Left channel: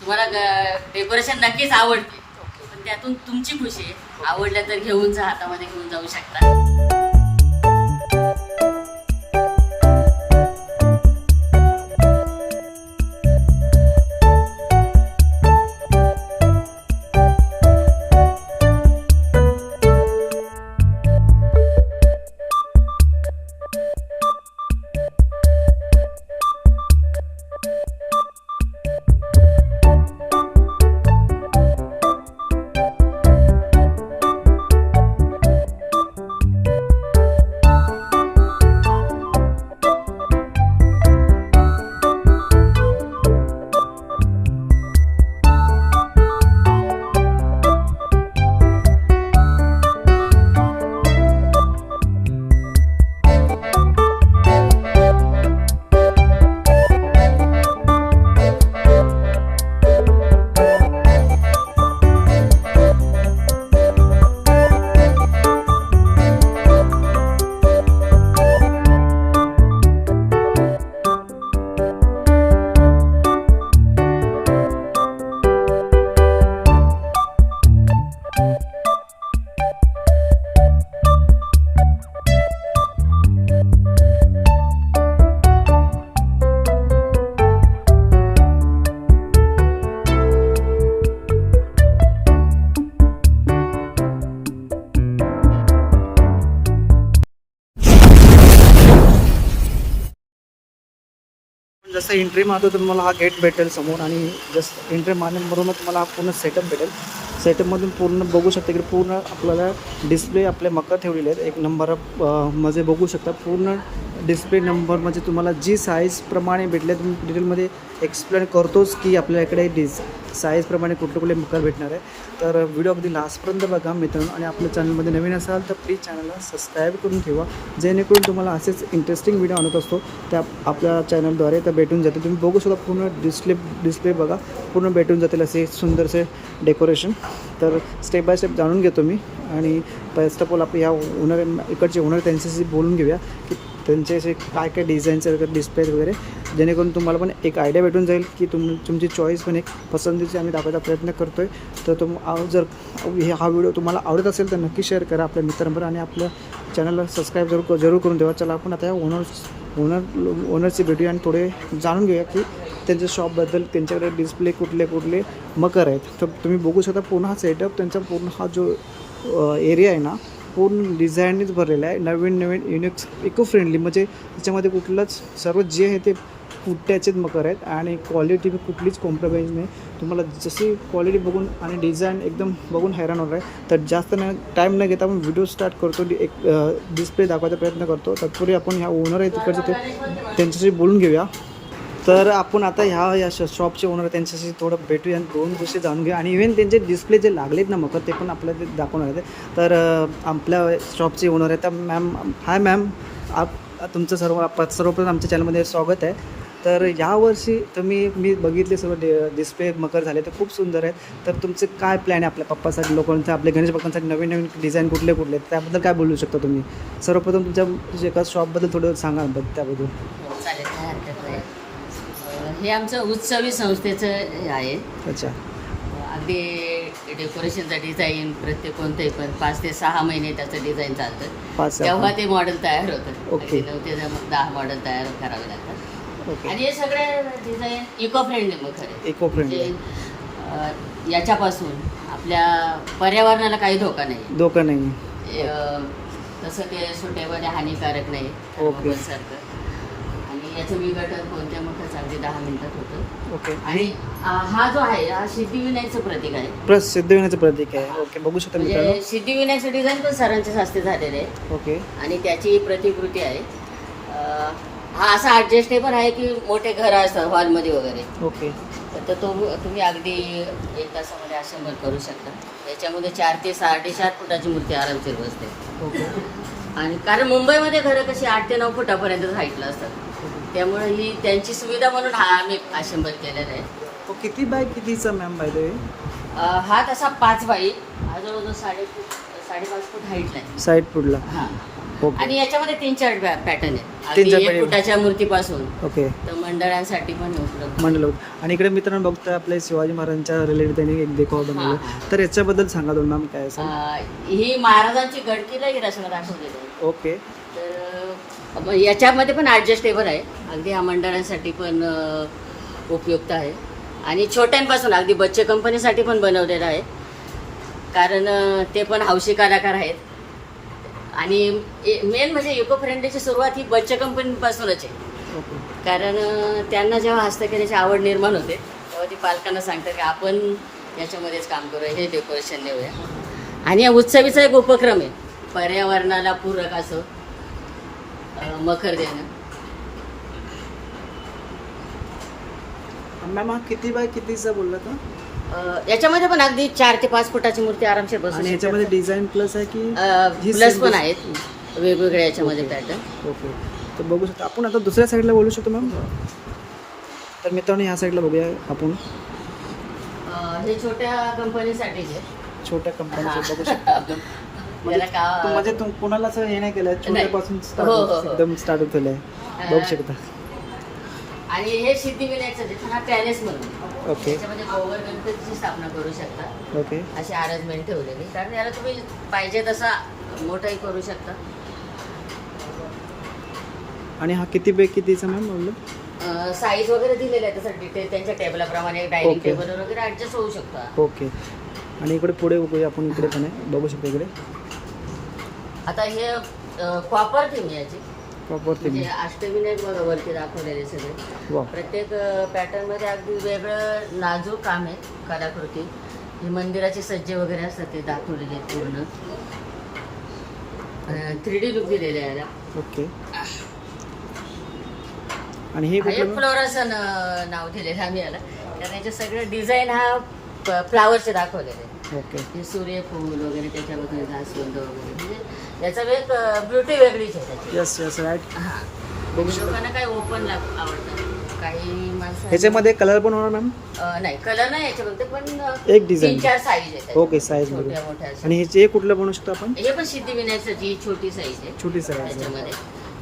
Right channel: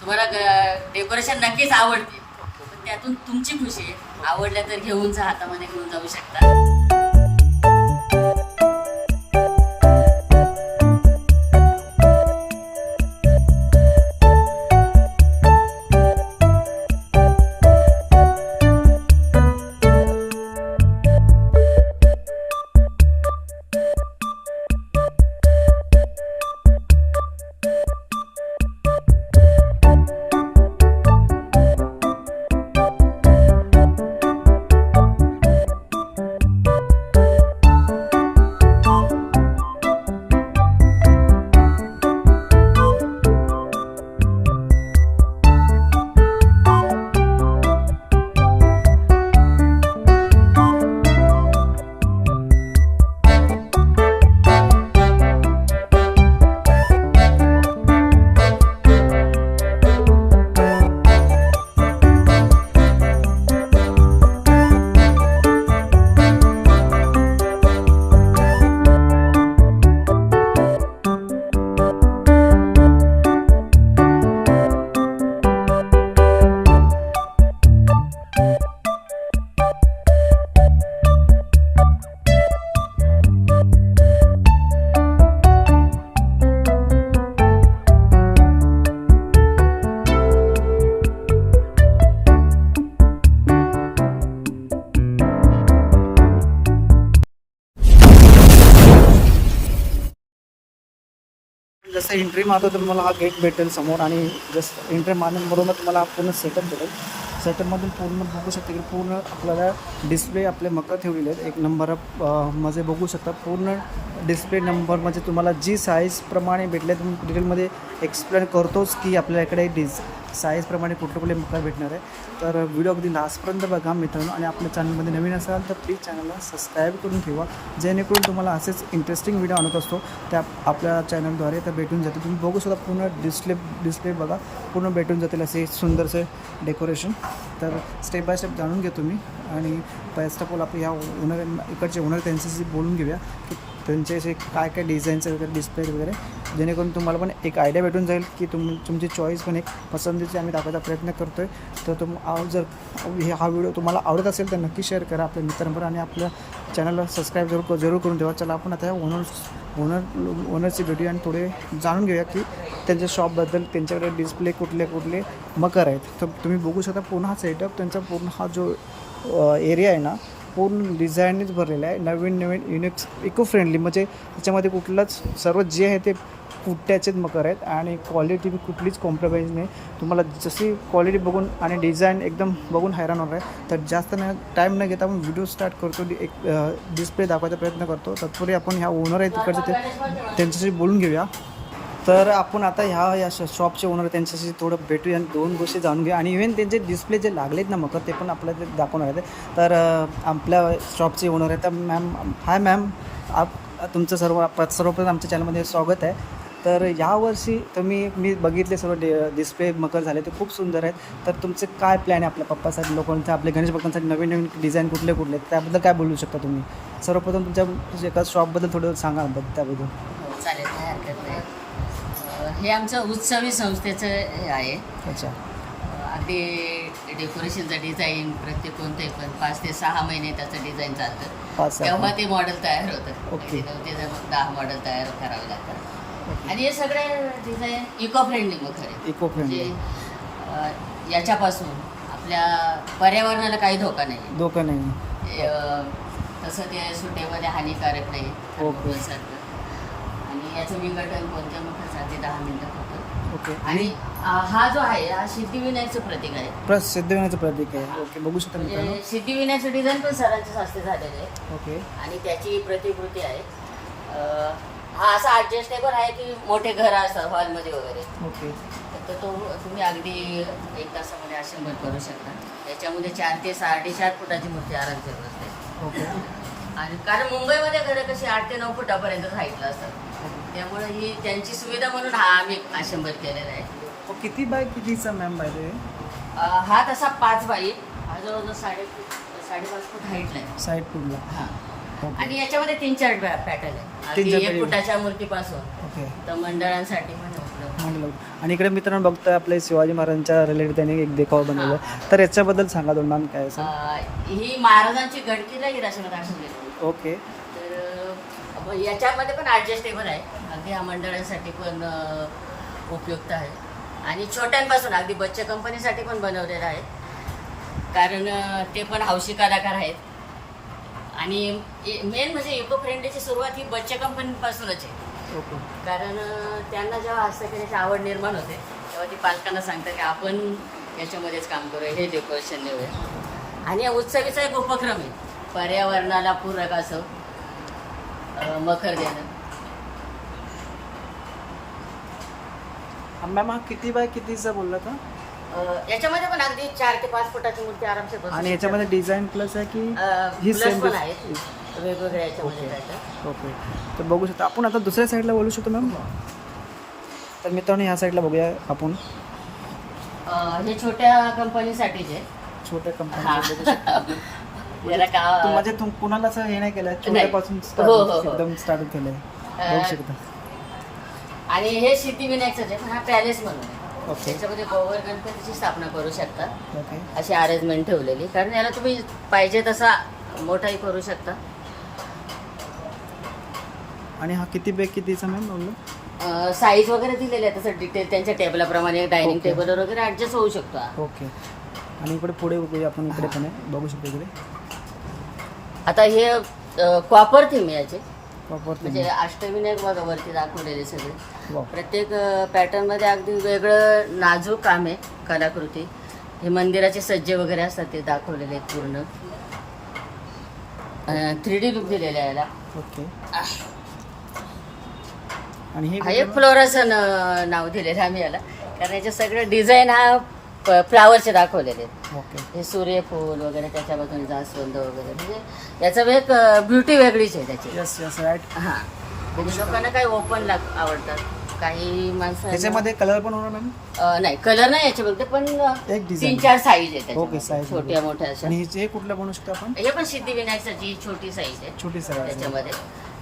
तुम्हाला डेकोरेशन नक्कीच आवडते, पण त्यातून तुमची खुशी आहे. आवडलं तर घेऊन जा, हातामध्ये घेऊन जाऊ शकता. जसं एंट्री मारतो तर तुम्हाला हा गेट भेटेल समोर आणि जसं एंट्री मारण्याबरोबर तुम्हाला हा पूर्ण सेटअप भेटेल. सेटअपमधून पूर्ण बघू शकता की पूर्ण आपल्याला डिस्प्ले आपले मकर ठेवलेले आहेत. एक नंबर मध्ये बघू शकता पूर्ण डिस्प्ले नंबर म्हणजे तुम्हाला जी साईजप्रमाणे भेटले तुम्ही डिटेलमध्ये एक्सप्लेन करतोच की आपल्या इकडे साईजप्रमाणे कुठले कुठले मकर भेटणार आहे. तर व्हिडिओ अगदी लास्टपर्यंत बघा मित्रांनो, आणि आपल्या चॅनलमध्ये नवीन असाल तर प्लीज चॅनलला सबस्क्राईब करून ठेवा, जेणेकरून तुम्हाला असेच इंटरेस्टिंग व्हिडिओ आणत असतो त्या आपल्या चॅनलद्वारे तर भेटून जाते. तुम्ही बघू शकता पूर्ण डिस्प्ले बघा पूर्ण भेटून जातील असे सुंदरसे डेकोरेशन. तर स्टेप बाय स्टेप जाणून घेतो मी, आणि फर्स्ट ऑफ ऑल आपण ह्या ओनर इकडचे ओनर त्यांच्याशी बोलून घेऊया की त्यांचे असे काय काय डिझाईन्स वगैरे डिस्प्ले वगैरे, जेणेकरून तुम्हाला पण एक आयडिया भेटून जाईल की तुमची चॉईस पण एक पसंतीची आम्ही दाखवायचा प्रयत्न करतो आहे. तर जर हा व्हिडिओ तुम्हाला आवडत असेल तर नक्की शेअर करा आपल्या मित्रांबरोबर आणि आपल्या चॅनलला सबस्क्राईब जरूर करून ठेवा. चला आपण आता ओनरची भेटूया आणि थोडे जाणून घेऊया की त्यांच्या शॉपबद्दल, त्यांच्याकडे डिस्प्ले कुठले मकर आहेत. तर तुम्ही बघू शकता पूर्ण हा सेटअप त्यांचा पूर्ण हा जो एरिया आहे ना पूर्ण डिझाईनच भरलेला आहे. नवीन युनिक इको फ्रेंडली, म्हणजे त्याच्यामध्ये कुठलंच सर्व जे आहे ते पुट्ट्याचेच मकर आहेत आणि क्वालिटी कुठलीच कॉम्प्रोमाइज नाही. तुम्हाला जशी क्वालिटी बघून आणि डिझाईन एकदम बघून हैराण होणार आहे. तर जास्त टाईम न घेता आपण व्हिडिओ स्टार्ट करतो, एक डिस्प्ले दाखवायचा प्रयत्न करतो. तत्पूर्वी आपण ह्या ओनर आहे तिकडचे त्यांच्याशी बोलून घेऊया. तर आपण आता ह्या शॉपचे ओनर त्यांच्याशी थोडं भेटूया आणि दोन गोष्टी जाणून घेऊया, आणि इव्हन त्यांचे डिस्प्ले जे लागलेत ना मकर ते पण आपल्याला ते दाखवणार आहेत. तर आपल्या शॉपचे ओनर आहे तर मॅम, हाय मॅम, तुमचं सर्वप्रथम आमच्या चॅनलमध्ये स्वागत आहे. तर यावर्षी मी बघितले सर्व डिस्प्ले मकर झाले ते खूप सुंदर आहेत. तर तुमचे काय प्लॅन आहे आपल्या पप्पासाठी, लोकांचा आपल्या गणेश भक्तांसाठी नवीन डिझाईन कुठले त्याबद्दल काय बोलू शकता तुम्ही? सर्वप्रथम तुमच्या एका शॉपबद्दल थोडं सांगा त्याबद्दल. हो चालेल, काय हरकत नाही. हे आमचं उत्सवी संस्थेचं हे आहे. अच्छा. अगदी डेकोरेशनचं डिझाईन प्रत्येक कोणतंही पण 5 ते 6 महिने त्याचं डिझाईन चालतं. 5 तेव्हा ते मॉडेल तयार होतं. ओके. 9 ते 10 मॉडेल तयार करावे लागतात. ओके. आणि हे सगळे डिझाईन इको फ्रेंडली मग खरे. इको फ्रेंडली याच्यापासून आपल्या पर्यावरणाला काही धोका नाही. तसं ते सुटेबल हानिकारक नाही. ओके. सारखं. आणि याचं विघटन कोणत्या मखर अगदी 10 मिनिटात होतं. ओके. आणि हा जो आहे हा सिद्धिविनायकचं प्रतीक आहे. सिद्धिविनायकचं प्रतीक आहे. ओके, बघू शकता मित्रांनो. म्हणजे सिद्धिविनायकचं डिझाईन पण सरांच्या हस्ते झालेलं आहे. ओके. आणि त्याची प्रतिकृती आहे. हा असा ॲडजस्टेबल आहे की मोठे घर असतं हॉलमध्ये वगैरे. ओके. तर तुम्ही अगदी 1 तासामध्ये असेंबल करू शकता. याच्यामध्ये 4 ते 4.5 फुटाची मूर्ती आरामशीर बसते. ओके. आणि कारण मुंबईमध्ये घरं कशी 8 ते 9 फुटापर्यंत हाईटला असतात. त्यामुळे ही त्यांची सुविधा म्हणून हा आम्ही असेंबल केलेला आहे. किती बाय कितीचा मॅम बाय ते? हा तसा 5 बाय जवळजवळ 5.5 फूट हाईटला आहे. साईड फूडला. हां. ओके. आणि याच्यामध्ये 3-4 पॅटर्न आहे. 3-4 1 फुटाच्या मूर्तीपासून ओके तर मंडळांसाठी पण उपलब्ध. म्हणलं. आणि इकडे मित्रांनो बघता आपले शिवाजी महाराजांच्या रिलेटेड त्यांनी एक देखावा बनवला. तर याच्याबद्दल सांगा दोन मॅम काय असेल. ही महाराजांची गडकिल्ला गिराशमध्ये दाखवलेली आहे. ओके तर याच्यामध्ये पण ॲडजस्टेबल आहे. अगदी हा मंडळांसाठी पण उपयुक्त आहे. आणि छोट्यांपासून अगदी बच्चे कंपनीसाठी पण बनवलेलं आहे. कारण ते पण हौशी कलाकार आहेत. आणि मेन म्हणजे इको फ्रेंडलीची सुरुवात ही बच्चे कंपनीपासूनच आहे. ओके कारण त्यांना जेव्हा हस्तकलेची आवड निर्माण होते तेव्हा ती पालकांना सांगतात की आपण याच्यामध्येच काम करूया, हे डेकोरेशन नेऊया. आणि या उत्सवीचा एक उपक्रम आहे पर्यावरणाला पूरक असं मखर देणं. मॅम हा किती बाय कितीचा बोलला का. याच्यामध्ये पण अगदी 4 ते 5 फुटाची मूर्ती आरामशीर बसू आणि शकते. याच्यामध्ये डिझाईन प्लस आहे की ही प्लस same पण दिस- आहेत वेगवेगळे याच्यामध्ये ओके. पॅटर्न. ओके तर बघू शकता आपण. आता दुसऱ्या साईडला बोलू शकतो मॅम. तर मित्रांनो ह्या साईडला बघूया आपण. हे छोट्या कंपनीसाठीचे. छोट्या कंपनीचे बघू शकता एकदम. त्याला का- म्हणजे तुम कुणालाच हे नाही केलं छोट्यापासून हो, हो, हो. एकदम स्टार्ट केलं आहे बघू शकता. आणि हे सिद्धिविनायकचं आहे पण हा पॅलेस म्हणून आहे. ओके त्याच्यामध्ये गोवर गणपतीची स्थापना करू शकता. ओके अशी अरेंजमेंट ठेवलेली. कारण याला तुम्ही पाहिजे तसा मोठाही करू शकता. आणि हा किती बाय कितीचा मॅम बोललो. साईज वगैरे दिलेली आहे तसं डिटेल त्यांच्या टेबलाप्रमाणे डायनिंग ओके. टेबलवर वगैरे ऍडजस्ट होऊ शकतो हा. ओके आणि इकडे पुढे बघूया आपण. इकडे पण आहे बघू शकता इकडे. आता हे कॉपर थीम आहे याची. वापरते म्हणजे अष्टविनायक बघा वरती दाखवलेले सगळे. वा प्रत्येक पॅटर्न मध्ये अगदी वेगळं नाजूक काम आहे कलाकृती. हे मंदिराचे सज्जे वगैरे असतात ते दाखवलेले आहेत पूर्ण. 3D लुक दिलेला आहे याला. ओके आणि हे हा एक कुठलं फ्लोरसन नाव दिलेलं आहे आम्ही याला. कारण याचे सगळे डिझाईन हा फ्लावरचे दाखवलेले आहेत. ओके हे सूर्यफूल वगैरे त्याच्याबद्दल जास्वंद वगैरे म्हणजे याचा एक ब्युटी वेगळीच आहे त्याची. यस यस राईट हा. बघू शकता. लोकांना काही ओपन आवडतात. काही माणसं ह्याच्यामध्ये कलर पण होणार मॅम. नाही कलर नाही याच्यामध्ये पण एक design. 3-4 साईज आहेत ओके साईज छोट्या मोठ्या अशा. आणि हे कुठलं बनवू शकतो आपण. हे पण सिद्धिविनायकाची छोटी साईज आहे छोटी साईज त्याच्यामध्ये.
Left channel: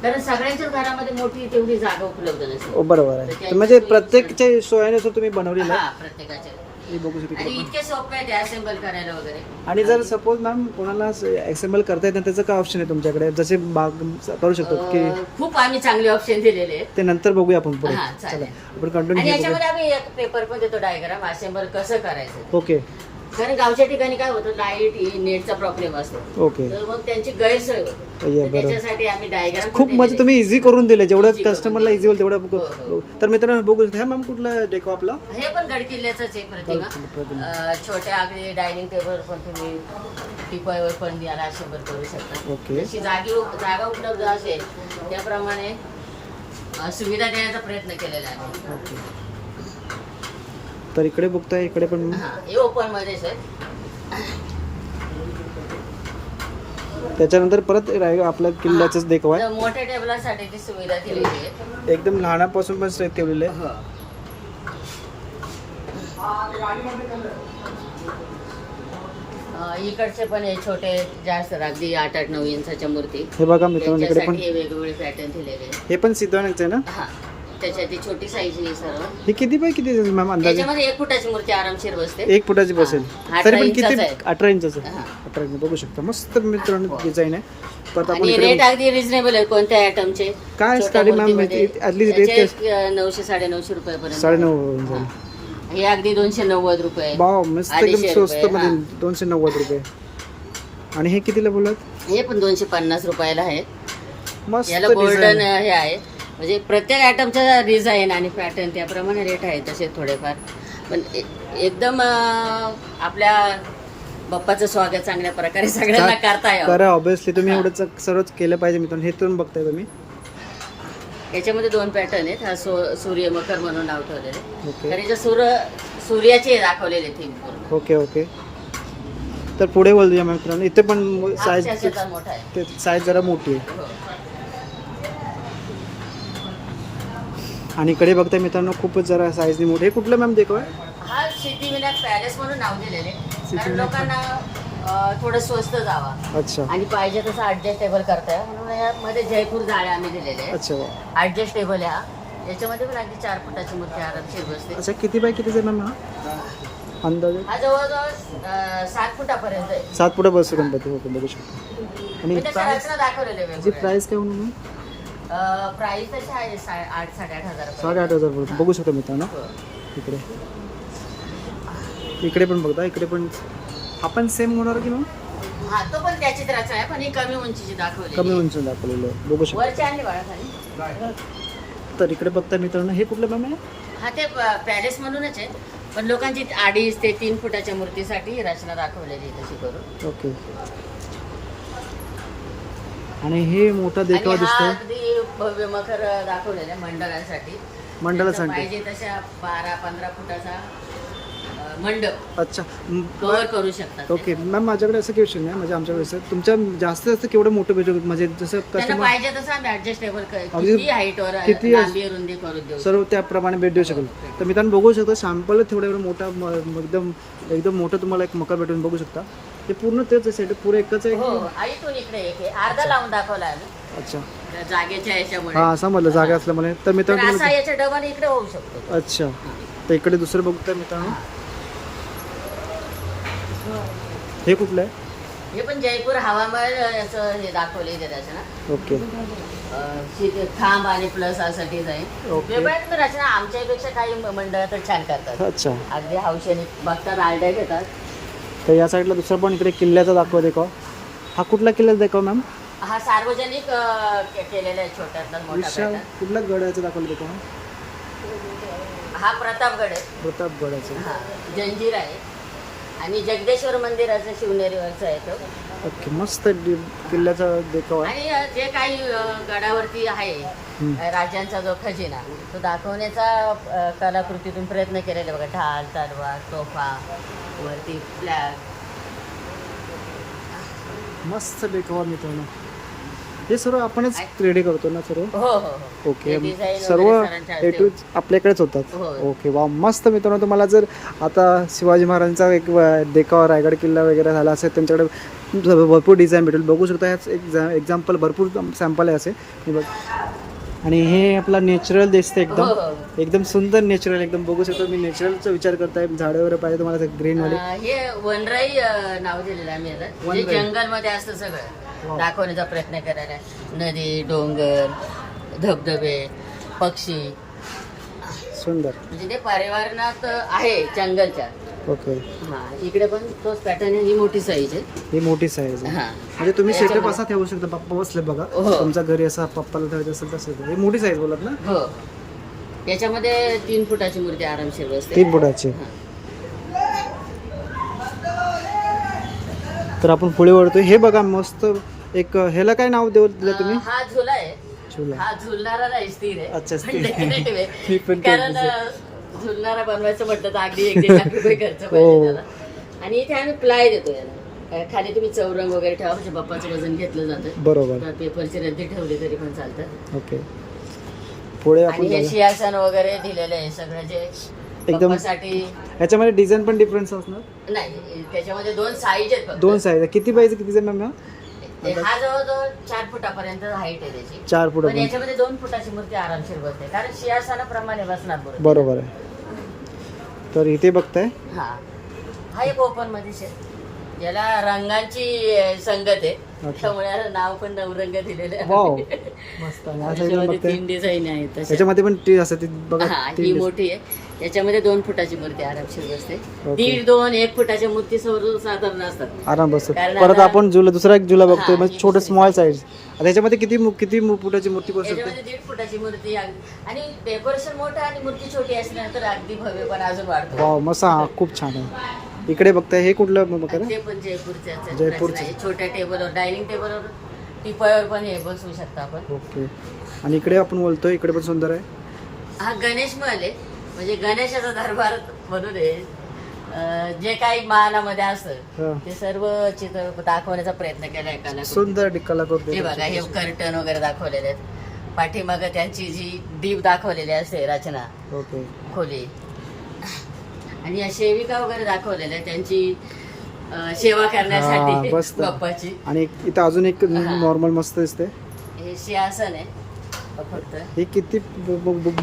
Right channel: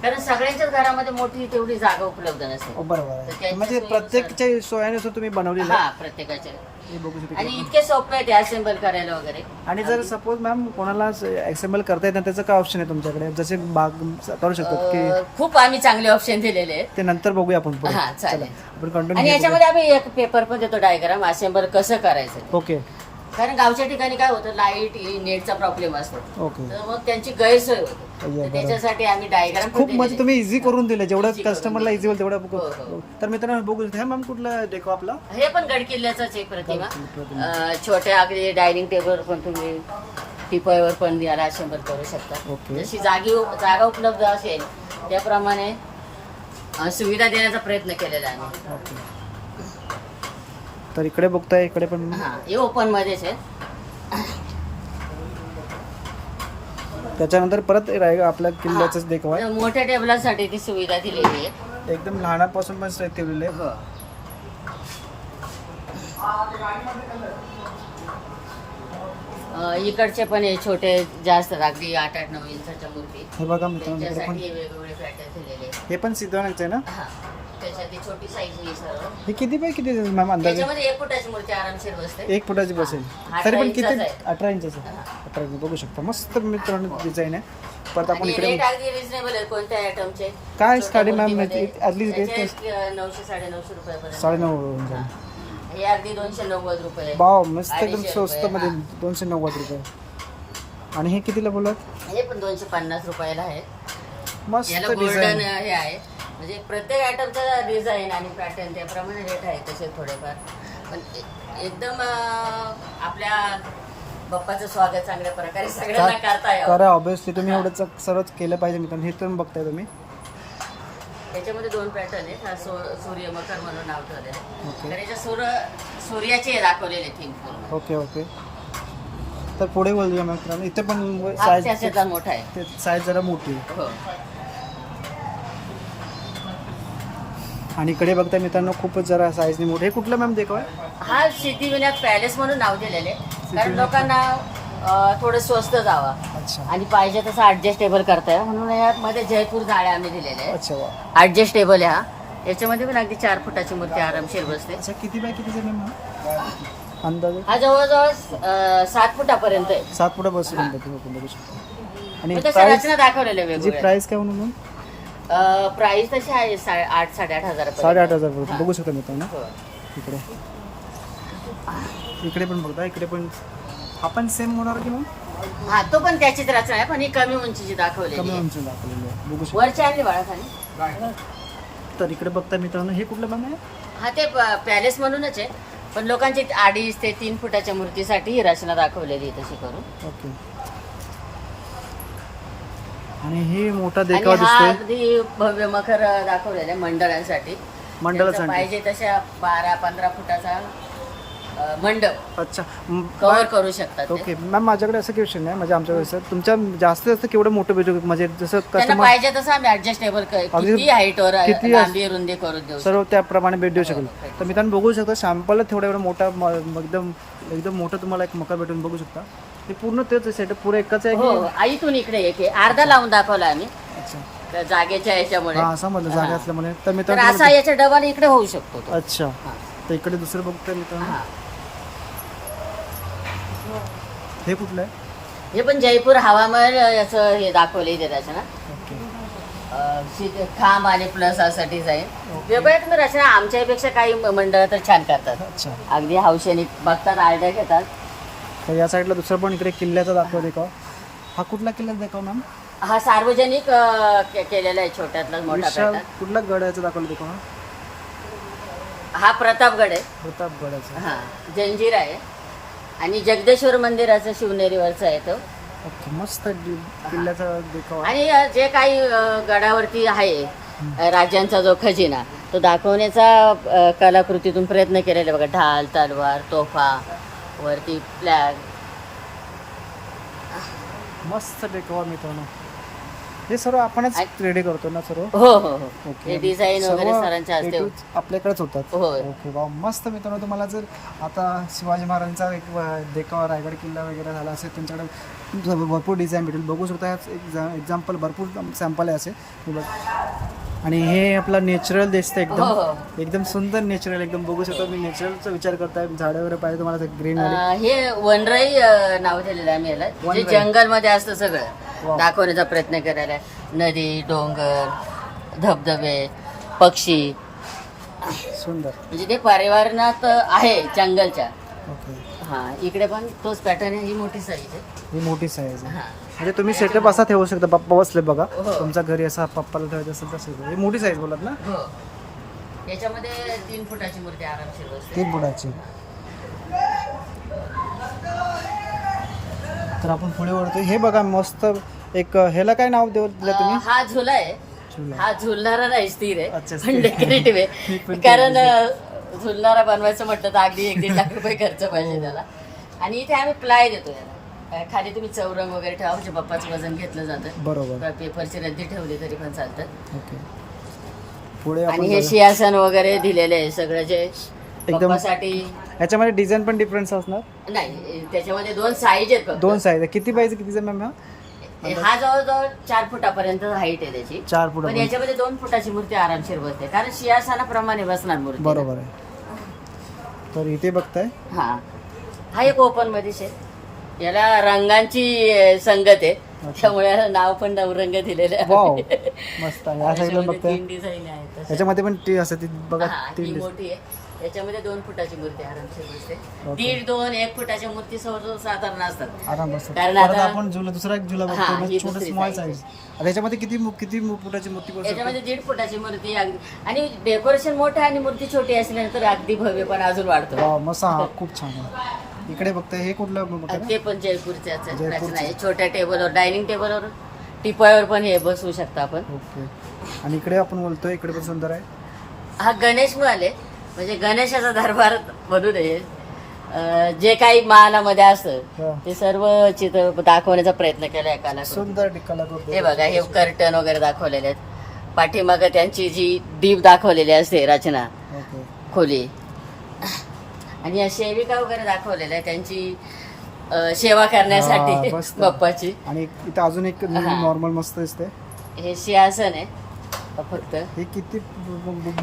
कारण सगळ्यांच्याच घरामध्ये मोठी तेवढी जागा उपलब्ध नसते. बरोबर तर आहे. त्यांच्या म्हणजे सोयीनुसार- प्रत्येकच्या सोयानुसार तुम्ही बनवलेलं हा आहे. प्रत्येकाचे. हे बघू शकतो आणि इकडे पण. इतके सोपे आहे ते असेंबल करायला वगैरे. आणि जर सपोज मॅम कोणाला एक्सेंबल करता येत नाही त्याचं काय ऑप्शन आहे तुमच्याकडे. जसे बाग करू शकतो की खूप आम्ही चांगले ऑप्शन दिलेले आहेत. ते नंतर बघूया आपण पुढे. हा, चालेल. चला आपण आणि कंटिन्यू याच्यामध्ये आम्ही एक पेपर पण देतो डायग्राम असेंबल कसं करायचं. ओके कारण गावच्या ठिकाणी काय होतं लाईट नेटचा प्रॉब्लेम असतो. ओके तर मग त्यांची गैरसोय होते. ये, तर बरोबर. त्याच्यासाठी आम्ही डायग्राम खूप म्हणजे तुम्ही इझी करून दिले जेवढं Easy करून कस्टमरला दिलं. इझी होईल तेवढं हो, हो. तर मित्रांनो बघू शकता. मॅम कुठला डेको आपला. हे पण गडकिल्ल्याचाच आहे गडकिल्ला, प्रतिमा. प्रतिमा. छोट्या अगदी डायनिंग टेबल पण तुम्ही टिपॉयवर पण याला असेंबल करू शकता. ओके जशी जागा उपलब्ध असेल त्याप्रमाणे सुविधा देण्याचा प्रयत्न केलेला आहे. ओके तर इकडे बघताय इकडे पण हा हे ओपन मध्येच आहे. त्याच्यानंतर परत आपल्या किल्ल्याचंच देखाव आहे. तर मोठ्या टेबलासाठी ती सुविधा दिलेली आहे. एकदम लहानापासून पण सेट ठेवलेलं आहे. हो. इकडचे पण हे छोटे जास्त अगदी 8-9 इंचाच्या मूर्ती. हे बघा मित्रांनो इकडे पण त्याच्यासाठी हे वेगवेगळे पॅटर्न दिलेले आहेत. हे पण सिद्धवानच आहे ना. हा त्याच्यात ती छोटी साईज आहे सर्व. हे किती बाय किती मॅम अंदाजे. त्याच्यामध्ये 1 फुटाची मूर्ती आरामशीर बसते. 1 फुटाची बसेल. हा, तरी पण 18 किती इंचाचं आहे. 18 इंचाचं. हा. 18 इंच बघू शकता. मस्त मित्रांनो डिझाईन आहे. परत आपण आणि इकडे रेट अगदी रिझनेबल आहे कोणत्या आयटमचे. काय छोट्या स्टार्टिंग मॅम मूर्तीमध्ये आतली रेट त्याचे 900-950 रुपयापर्यंत. 9.5 होऊन जाईल. हे अगदी 290 रुपये. बाव मस्त एकदम 250 स्वस्त रुपये, मध्ये हा. 290 रुपये. आणि हे कितीला बोलत. हे पण 250 रुपयाला आहे. मस्त याला गोल्डन डिझाईन. हे आहे. म्हणजे प्रत्येक आयटमचा डिझाईन आणि पॅटर्न त्याप्रमाणे रेट आहे तसे थोडेफार. पण एकदम आपल्या बाप्पाचं स्वागत चांगल्या प्रकारे सगळ्यांना करता यावं. करा ऑब्विसली तुम्ही एवढंच सर्वच केलं पाहिजे मित्रांनो. हे तुम्ही बघताय तुम्ही. याच्यामध्ये 2 पॅटर्न आहेत. हा सूर्य मकर म्हणून नाव ठेवलेलं आहे. ओके कारण याच्यात सूर्याचे दाखवलेले थीम पूर्ण. ओके ओके तर पुढे बोलूया मित्रांनो. इथे पण साईज त्याचा मोठा आहे. ते साईज जरा मोठी आहे. हो. आणि इकडे बघताय मित्रांनो खूपच जरा साईजने मोठे. हे कुठलं मॅम देखो आहे. हा सिद्धिविनायक पॅलेस म्हणून नाव दिलेले आहे. कारण सिद्धिविनायक लोकांना थोडं स्वस्त जावा अच्छा आणि पाहिजे तसं ऍडजस्टेबल करताय म्हणून यामध्ये जयपूर जाळ्या आम्ही दिलेले आहे. अच्छा वा ऍडजस्टेबल आहे हा. याच्यामध्ये पण अगदी 4 फुटाची मूर्ती आरामशीर बसते. अच्छा किती बाय कितीचा मॅम हा अंदाजे? हा जवळजवळ 7 फुटापर्यंत आहे. 7 फुटा बसतो गणपती. ओके बघू शकता. आणि तसं प्राइस रचना दाखवलेले जी वेगवेगळे. प्राइस काय म्हणून प्राइस तशी आहे 8,500 पर्यंत. 8,500 पर्यंत बघू शकता मित्रांनो. हो. इकडे इकडे पण बघता, इकडे पण हा पण सेम होणार की मग? हा तो पण त्याचीच रचना आहे पण ही कमी उंचीची दाखवली. कमी उंच दाखवलेलं आहे बघू शकता. वरच्या आणि बाळा खाली. तर इकडे बघता मित्रांनो हे कुठलं मॅम आहे? हा ते पॅलेस म्हणूनच आहे पण लोकांची 2.5 ते 3 फुटाच्या मूर्तीसाठी ही रचना दाखवलेली आहे तशी करून. ओके. आणि हे मोठा देखावा आणि हा दिसतोय अगदी भव्य मखर दाखवलेला आहे मंडळांसाठी. मंडळासाठी. पाहिजे तशा 12-15 फुटाचा मंडप अच्छा कव्हर करू शकतात. ओके मॅम माझ्याकडे असं क्वेश्चन नाही म्हणजे आमच्याकडे सर तुमच्या जास्तीत जास्त केवढं मोठं भेटू म्हणजे जसं त्यांना कस्टमर पाहिजे तसं आम्ही ऍडजस्टेबल अगदी किती हाईटवर किती लांबी रुंदी करून देऊ. सर्व त्याप्रमाणे भेट देऊ शकेल. तर मित्रांनो बघू शकता सॅम्पल तेवढा एवढा मोठा एकदम एकदम मोठं तुम्हाला एक मकर भेटून बघू शकता. ते पूर्ण तेच सेटअप पुरं एकच आहे हो की? इथून इकडे एक आहे. अर्धा लावून दाखवला आम्ही अच्छा त्या जागेच्या याच्यामुळे. हा समजलं जागा असल्यामुळे. तर तर मित्रांनो असा याच्या डबल इकडे होऊ शकतो. अच्छा तर इकडे दुसरं बघतोय मित्रांनो हे कुठलं आहे? हे पण जयपूर हवामहल याचं हे दाखवले ते रचना. ओके खांब आणि प्लस साठी जाईल. ओके. वेगवेगळ्या रचना आमच्यापेक्षा काही मंडळ तर छान करतात. अच्छा अगदी हौशेने बघतात आयडिया घेतात. तर या साईडला दुसरं पण इकडे किल्ल्याचा दाखवा देखावा. हा कुठला किल्ल्याचा दाखवा मॅम? हा सार्वजनिक केलेला आहे छोट्यातला मोठा विशाल प्रकार. कुठला गडाचा दाखवला देखावा? हा प्रतापगड आहे. प्रतापगडाचा. हा जंजीर आहे आणि जगदेश्वर मंदिराचं शिवनेरीवरचं आहे तो. ओके मस्त किल्ल्याचा देखावा आहे. आणि जे काही गडावरती आहे हम्म. राज्यांचा जो खजिना तो दाखवण्याचा कलाकृतीतून प्रयत्न केलेला आहे बघा. ढाल तलवार तोफा वरती फ्लॅग. मस्त देखावा मित्रांनो. हे सर्व आपणच रेडी करतो ना सर्व? हो हो हो. ओके हे डिझाईन सर्व वगैरे सरांच्या ए टू हस्ते. आपल्याकडेच होतात. हो. ओके वा मस्त मित्रांनो. तुम्हाला जर आता शिवाजी महाराजांचा एक देखावा रायगड किल्ला वगैरे झाला असेल त्यांच्याकडे भरपूर डिझाईन भेटेल बघू शकता. ह्याच एक्झाम्पल भरपूर सॅम्पल आहे असे मी बघ. आणि हे आपला नॅचरल दिसतं एकदम हो, हो. एकदम सुंदर नॅचरल एकदम बघू शकतो. मी नॅचरलचा विचार करताय झाडं वगैरे पाहिजे तुम्हाला ग्रीनवाली. हे वनराई नाव दिलेलं आम्ही याला. जे वनराई. जंगलमध्ये असतं सगळं वाव. दाखवण्याचा प्रयत्न करायला आहे. नदी डोंगर धबधबे पक्षी सुंदर. म्हणजे ते पर्यावरणात आहे जंगलच्या. ओके हा इकडे पण तोच पॅटर्न आहे. ही मोठी साईज आहे. ही मोठी साईज आहे. हा म्हणजे तुम्ही सेटअप असा ठेवू शकता. पप्पा बसले बघा हो. तुमच्या घरी असा पप्पाला ठेवायचं असेल तसं. हे मोठी साईज बोलत ना? हो याच्यामध्ये 3 फुटाची मूर्ती आरामशीर बसते. 3 फुटाची. तर आपण पुढे वळतोय. हे बघा मस्त एक ह्याला काय नाव दिलं तुम्ही? हा झुला आहे. झुला. हा झुलणारा नाही स्थिर आहे. अच्छा, पण स्थिर. decorative मी आहे. पण तेच कारण झुलणारा बनवायचं म्हटलं तर अगदी 1-1 लाख रुपये खर्च हो. पाहिजे त्याला. आणि इथे आम्ही प्लाय देतो याला. खाली तुम्ही चौरंग वगैरे ठेवा म्हणजे बाप्पाचं वजन घेतलं जातं. बरोबर. तर पेपरची रद्दी ठेवली तरी पण चालतं. ओके पुढे आपण आणि हे जाऊया. सिंहासन वगैरे दिलेले आहे सगळं जे एकदम बाप्पासाठी. ह्याच्यामध्ये डिझाईन पण डिफरन्स असणार? नाही त्याच्यामध्ये 2 साईज आहेत फक्त. 2 साईज. किती पाहिजे कितीचा मॅम? हा जवळजवळ 4 फुटापर्यंत हाईट आहे त्याची. 4 पण फुटापर्यंत. याच्यामध्ये 2 फुटाची मूर्ती आरामशीर बसते कारण सिंहासनाप्रमाणे बसणार मूर्ती. बरोबर आहे. तर इथे बघताय हा हा एक ओपन मध्ये आहे. याला रंगांची संगत आहे त्यामुळे याला नाव पण नवरंग दिलेले आहे. वाव मस्त. या साईडला याच्यामध्ये बघताय 3 डिझाईन आहेत तशा. याच्यामध्ये पण टी असते ती बघा. हा, ही 3 मोठी आहे. याच्यामध्ये 2 फुटाची मूर्ती आरामशीर बसते. ओके. 1.5-2-1 फुटाच्या मूर्ती साधारण असतात. आराम बसतो. कारण परत आता- आपण झुला दुसरा एक झुला बघतोय हा, म्हणजे ही छोटं दुसरी स्मॉल size. साईज. त्याच्यामध्ये किती फुटाची मूर्ती बसू शकते? याच्यामध्ये 1.5 फुटाची मूर्ती आणि डेकोरेशन मोठं आणि मूर्ती छोटी असल्यानंतर अगदी भव्य पण अजून वाढतो. वाव मस्त. हा खूप छान आहे. इकडे बघताय हे कुठलं बघा ना? ते पण जयपूरचे जयपूरचे. छोट्या टेबलवर डायनिंग टेबलवर टिपायावर पण हे बसवू शकता आपण. ओके. आणि इकडे आपण बोलतोय इकडे पण सुंदर आहे. हा गणेश महल आहे म्हणजे गणेशाचा दरबार बनून आहे. जे काही मानामध्ये असतं हा. ते सर्व चित्र दाखवण्याचा प्रयत्न केलाय कला. सुंदर कला हे बघा हे कर्टन वगैरे दाखवलेले आहेत. पाठीमागं त्यांची जी दीप दाखवलेली असते रचना ओके. खोली. आणि या सेविका वगैरे दाखवलेल्या आहे त्यांची सेवा करण्यासाठी मस्त. बाप्पाची. आणि इथं अजून एक नॉर्मल मस्त दिसते. हे सिंहासन आहे फक्त. हे किती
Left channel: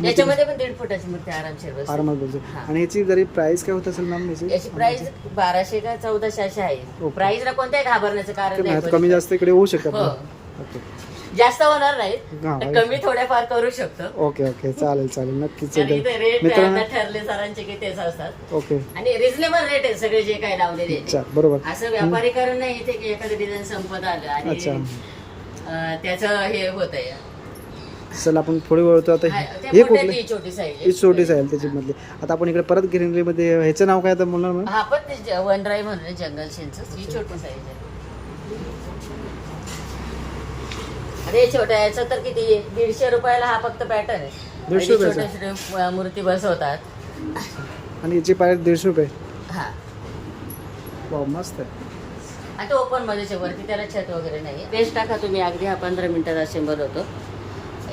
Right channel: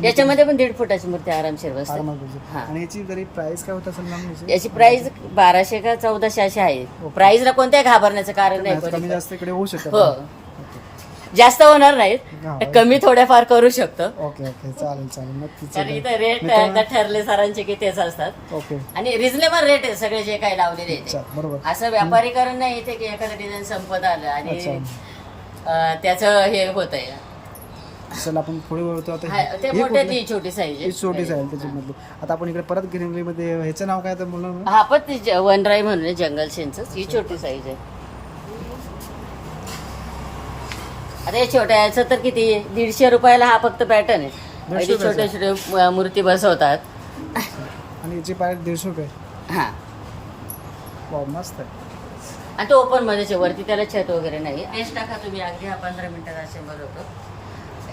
याच्यामध्ये पण 1.5 फुटाची मूर्ती आरामशीर बसते. आरामात बघतो. हा. आणि याची जरी प्राइस काय होत असेल मॅम याची प्राइस 1200 का 1400 अशी आहे. प्राइसला कोणत्याही घाबरण्याचं कारण नाही. कमी जास्त इकडे होऊ शकतं. हो. ओके जास्त होणार नाहीत, हा. कमी थोड्याफार करू शकतो. ओके ओके चालेल चालेल नक्कीच. पण इथं रेट मित्रांनो ठरले सरांचे की तेच असतात. ओके आणि रिझनेबल रेट आहे सगळे जे काही लावलेले आहेत. अच्छा बरोबर. असं व्यापारीकरण नाही इथे की एखादं डिझाईन संपत आलं आणि त्याचं हे होत आहे. चल आपण पुढे वळतो आता. हे कुठलं? छोटी साईज ही छोटी आहे त्याच्यामधली. आता आपण इकडे परत ग्रीनरी मध्ये ह्याचं नाव काय तर म्हणणार ना? हा पण ते वनराई म्हणून जंगल शेनचं ही छोटी साईज आहे. आता हे छोट्या याचं तर किती 150 रुपयाला हा फक्त पॅटर्न आहे. 150 रुपयाचा? छोटे छोटे मूर्ती बसवतात. आणि याची प्राइस 150 रुपये. हा वाव मस्त आहे. आणि तो ओपन मध्ये वरती त्याला छत वगैरे नाही. पेस्ट टाका तुम्ही अगदी हा 15 मिनिटात असेंबल होतो.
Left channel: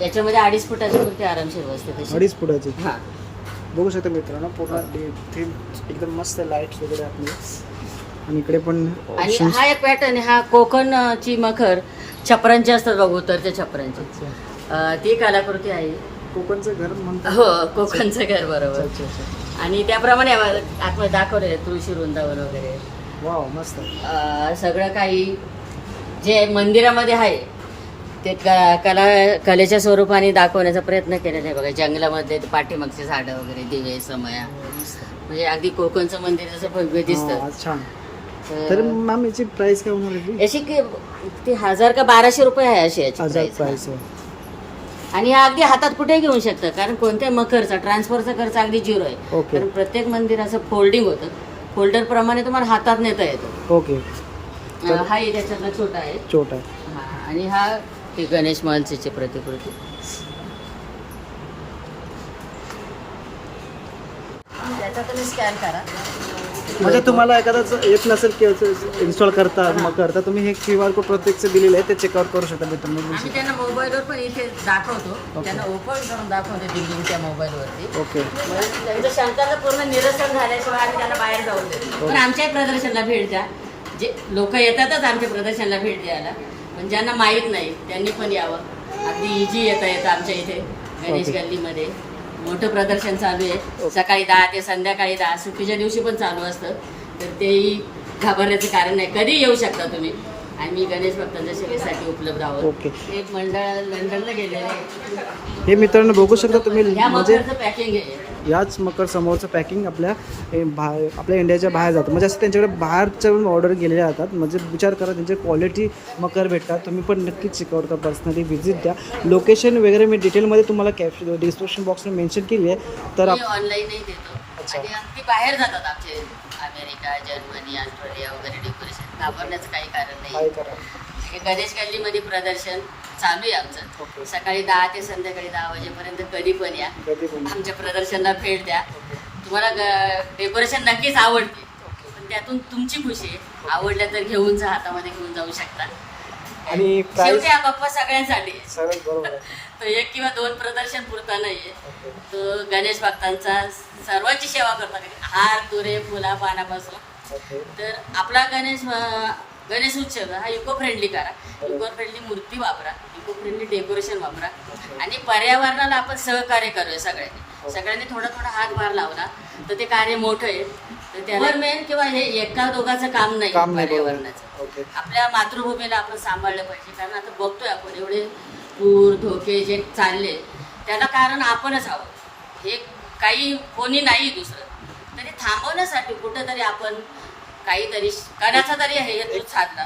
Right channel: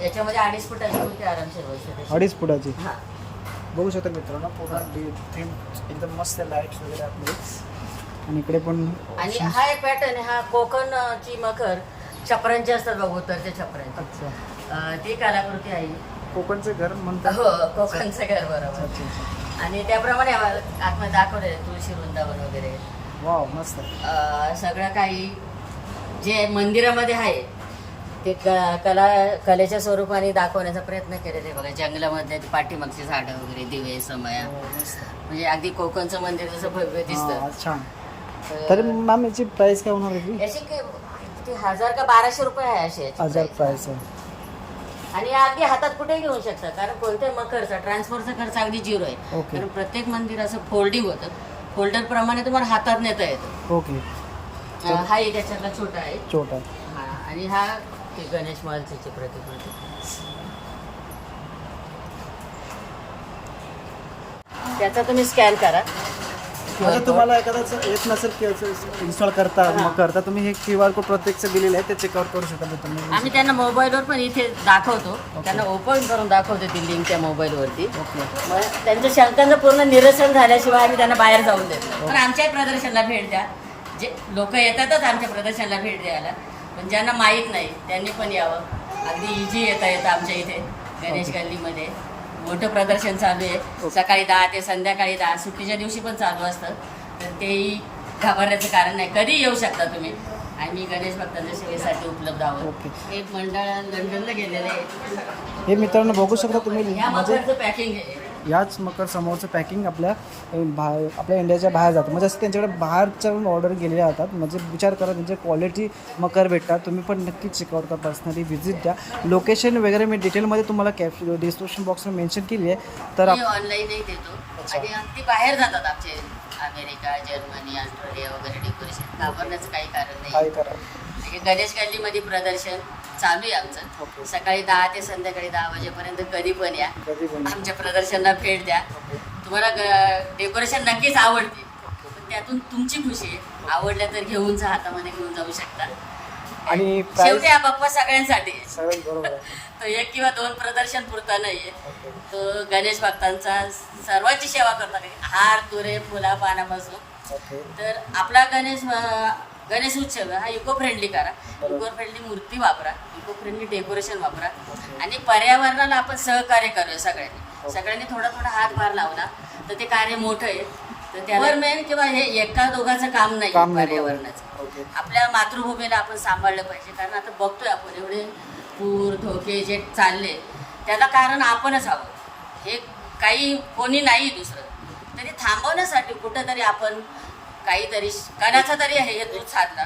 याच्यामध्ये 2.5 फुटाची मूर्ती आरामशीर बसते तशी. 2.5 फुटाची. हा बघू शकता मित्रांनो पूर्ण थीम एकदम मस्त आहे. लाईट्स वगैरे आतमध्ये. आणि इकडे पण आणि हा एक पॅटर्न आहे. हा कोकणची मखर छपरांची असतात बघ, उतरते छपरांची. अच्छा ती कलाकृती आहे. कोकणचं घर म्हणतात. हो कोकणचं घर बरोबर. अच्छा अच्छा. आणि त्याप्रमाणे आतमध्ये दाखवले तुळशी वृंदावन वगैरे. वाव मस्त आहे. सगळं काही जे मंदिरामध्ये आहे ते कलेच्या स्वरूपाने दाखवण्याचा प्रयत्न केलेला आहे बघा. जंगलामध्ये पाठीमागची झाडं वगैरे, दिवे, समया, मस्त. म्हणजे अगदी कोकणचं मंदिर जसं भव्य दिसतं. छान. तर मॅम याची प्राइस काय होणार आहे? याची ती 1000 का 1200 रुपये आहे अशी याची 1000 price. प्राइस आहे. आणि हा अगदी हातात कुठे घेऊ शकतं कारण कोणत्याही मखरचा ट्रान्सफरचा खर्च अगदी 0 आहे. ओके. कारण प्रत्येक मंदिर असं फोल्डिंग होतं. फोल्डर प्रमाणे तुम्हाला हातात नेता येतं. ओके. हा एक याच्यातला छोटा आहे. छोटा आहे. हा, आणि हा ते गणेश महलची प्रतिकृती. त्याचा तुम्ही स्कॅन करा. म्हणजे तुम्हाला एखादा येत नसेल की इन्स्टॉल करता मग करता तुम्ही हे QR कोड प्रत्यक्ष दिलेले आहे ते चेकआउट करू शकता मित्रांनो. आम्ही त्यांना मोबाईलवर पण इथे दाखवतो. त्यांना ओपन करून दाखवतो ती लिंक त्या मोबाईलवरती. ओके. मग त्यांच्या शंकांचं पूर्ण निरसन झाल्याशिवाय आम्ही त्यांना बाहेर जाऊन देतो. पण आमच्याही प्रदर्शनाला भेट द्या. जे लोक येतातच आमच्या प्रदर्शनाला भेट द्यायला, पण ज्यांना माहीत नाही त्यांनी पण यावं. अगदी इझी येता येतं आमच्या इथे गणेश गल्लीमध्ये. मोठं प्रदर्शन चालू आहे. सकाळी 10 ते संध्याकाळी 10. सुट्टीच्या दिवशी पण चालू असतं. तर तेही घाबरण्याचं कारण नाही. कधी येऊ शकता तुम्ही. आणि मी गणेश भक्तांच्या सेवेसाठी उपलब्ध आहोत. ओके. एक मंडळ लंडनला गेलेले आहे. हे मित्रांनो बघू शकता तुम्ही. ह्या म्हणजे मखरचं पॅकिंग आहे. याच मकर समोरचं पॅकिंग आपल्या इंडियाच्या बाहेर जातं. म्हणजे असं त्यांच्याकडे बाहेरच्या ऑर्डर गेलेल्या जातात. म्हणजे विचार करा त्यांचे क्वालिटी मकर भेटतात. तुम्ही पण नक्कीच चेकआउट करा. पर्सनली व्हिजिट द्या. लोकेशन वगैरे मी डिटेलमध्ये तुम्हाला डिस्क्रिप्शन बॉक्समध्ये मेन्शन केली आहे. तर ऑनलाईनही देतो. आणि अगदी बाहेर जातात आमचे अमेरिका, जर्मनी, ऑस्ट्रेलिया वगैरे डेकोरेशन. घाबरण्याचं काही कारण नाही. काय करा. म्हणजे गणेश गल्लीमध्ये प्रदर्शन चालू आहे आमचं. ओके. सकाळी 10 ते संध्याकाळी 10 वाजेपर्यंत कधी पण या. कधी पण. आमच्या प्रदर्शनाला भेट द्या. तुम्हाला डेकोरेशन नक्कीच आवडते. पण त्यातून तुमची खुशी आहे. आवडल्या तर घेऊन जा, हातामध्ये घेऊन जाऊ शकता. आणि शेवटी हा बाप्पा सगळ्यांसाठी आहे. सरळ बरोबर आहे. तो 1 किंवा 2 प्रदर्शन पुरता नाहीये. ओके. तो गणेश भक्तांचा सर्वांची सेवा करतात. हार, तुरे, फुला, पानापासून. ओके. तर आपला गणेश उत्सव हा इको फ्रेंडली करा. इको फ्रेंडली मूर्ती वापरा. इको फ्रेंडली डेकोरेशन वापरा. आणि पर्यावरणाला आपण सहकार्य करूया सगळ्यांनी. सगळ्यांनी थोडा थोडा हातभार लावला तर ते कार्य मोठं आहे. तर त्यावर मेन किंवा हे एका दोघांचं काम नाही पर्यावरणाचं. ओके. आपल्या मातृभूमीला आपण सांभाळलं पाहिजे. कारण आता बघतोय आपण एवढे पूर धोके जे चालले त्याला कारण आपणच हवं. हे काही कोणी नाही दुसरं. तरी थांबवण्यासाठी कुठंतरी आपण काहीतरी कणाचा तरी हे दूध साधला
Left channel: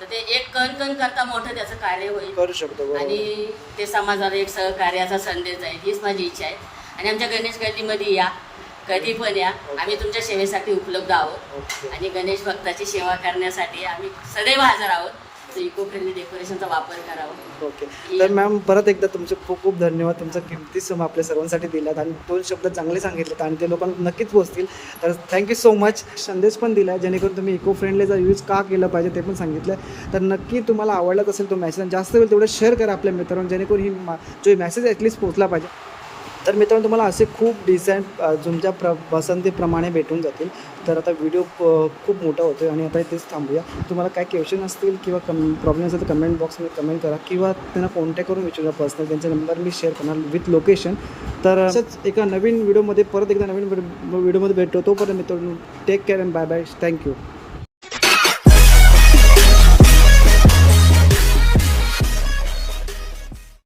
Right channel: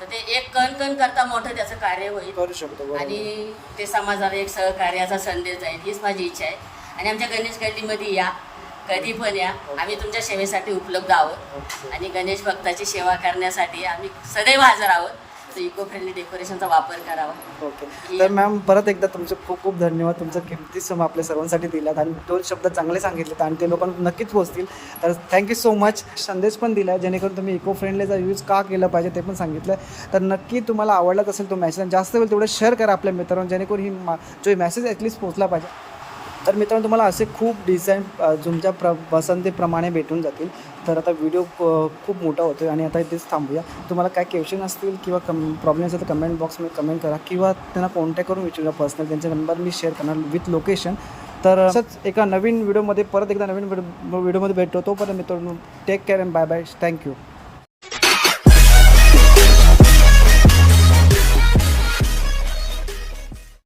तर ते एक कण करता मोठं त्याचं कार्य होईल. करू शकतो. आणि ते समाजाला एक सहकार्याचा संदेश जाईल हीच माझी इच्छा आहे. आणि आमच्या गणेश गल्लीमध्ये या, कधी पण या. आम्ही तुमच्या सेवेसाठी उपलब्ध आहोत. आणि गणेश भक्ताची सेवा करण्यासाठी आम्ही सदैव हजर आहोत. तर इको फ्रेंडली डेकोरेशनचा वापर करावा. ओके. तर मॅम परत एकदा तुमचे खूप खूप धन्यवाद. तुमचा किमती समय आपल्या सर्वांसाठी दिलात आणि 2 शब्द चांगले सांगितलेत आणि ते लोकांना नक्कीच पोहोचतील. तर थँक्यू सो मच. संदेश पण दिला आहे जेणेकरून तुम्ही इको फ्रेंडलीचा यूज का केला पाहिजे ते पण सांगितलं. तर नक्की तुम्हाला आवडलाच असेल तो मॅसेज. जास्त वेळ तेवढं शेअर करा आपल्या मित्रांना जेणेकरून जो मॅसेज ॲटलीस्ट पोहोचला पाहिजे. तर मित्रांनो तुम्हाला असे खूप डिझाईन तुमच्या पसंतीप्रमाणे भेटून जातील. तर आता व्हिडिओ खूप मोठा होतो आहे आणि आता इथेच थांबूया. तुम्हाला काय क्वेश्चन असतील किंवा प्रॉब्लेम असेल तर कमेंट बॉक्समध्ये कमेंट करा किंवा त्यांना कॉन्टॅक्ट करून विचारा पर्सनल. त्यांचा नंबर मी शेअर करणार विथ लोकेशन. तर असंच एका नवीन व्हिडिओमध्ये परत एकदा नवीन व्हिडिओमध्ये भेटतो. तोपर्यंत मित्रांनो take care and bye bye. Thank you.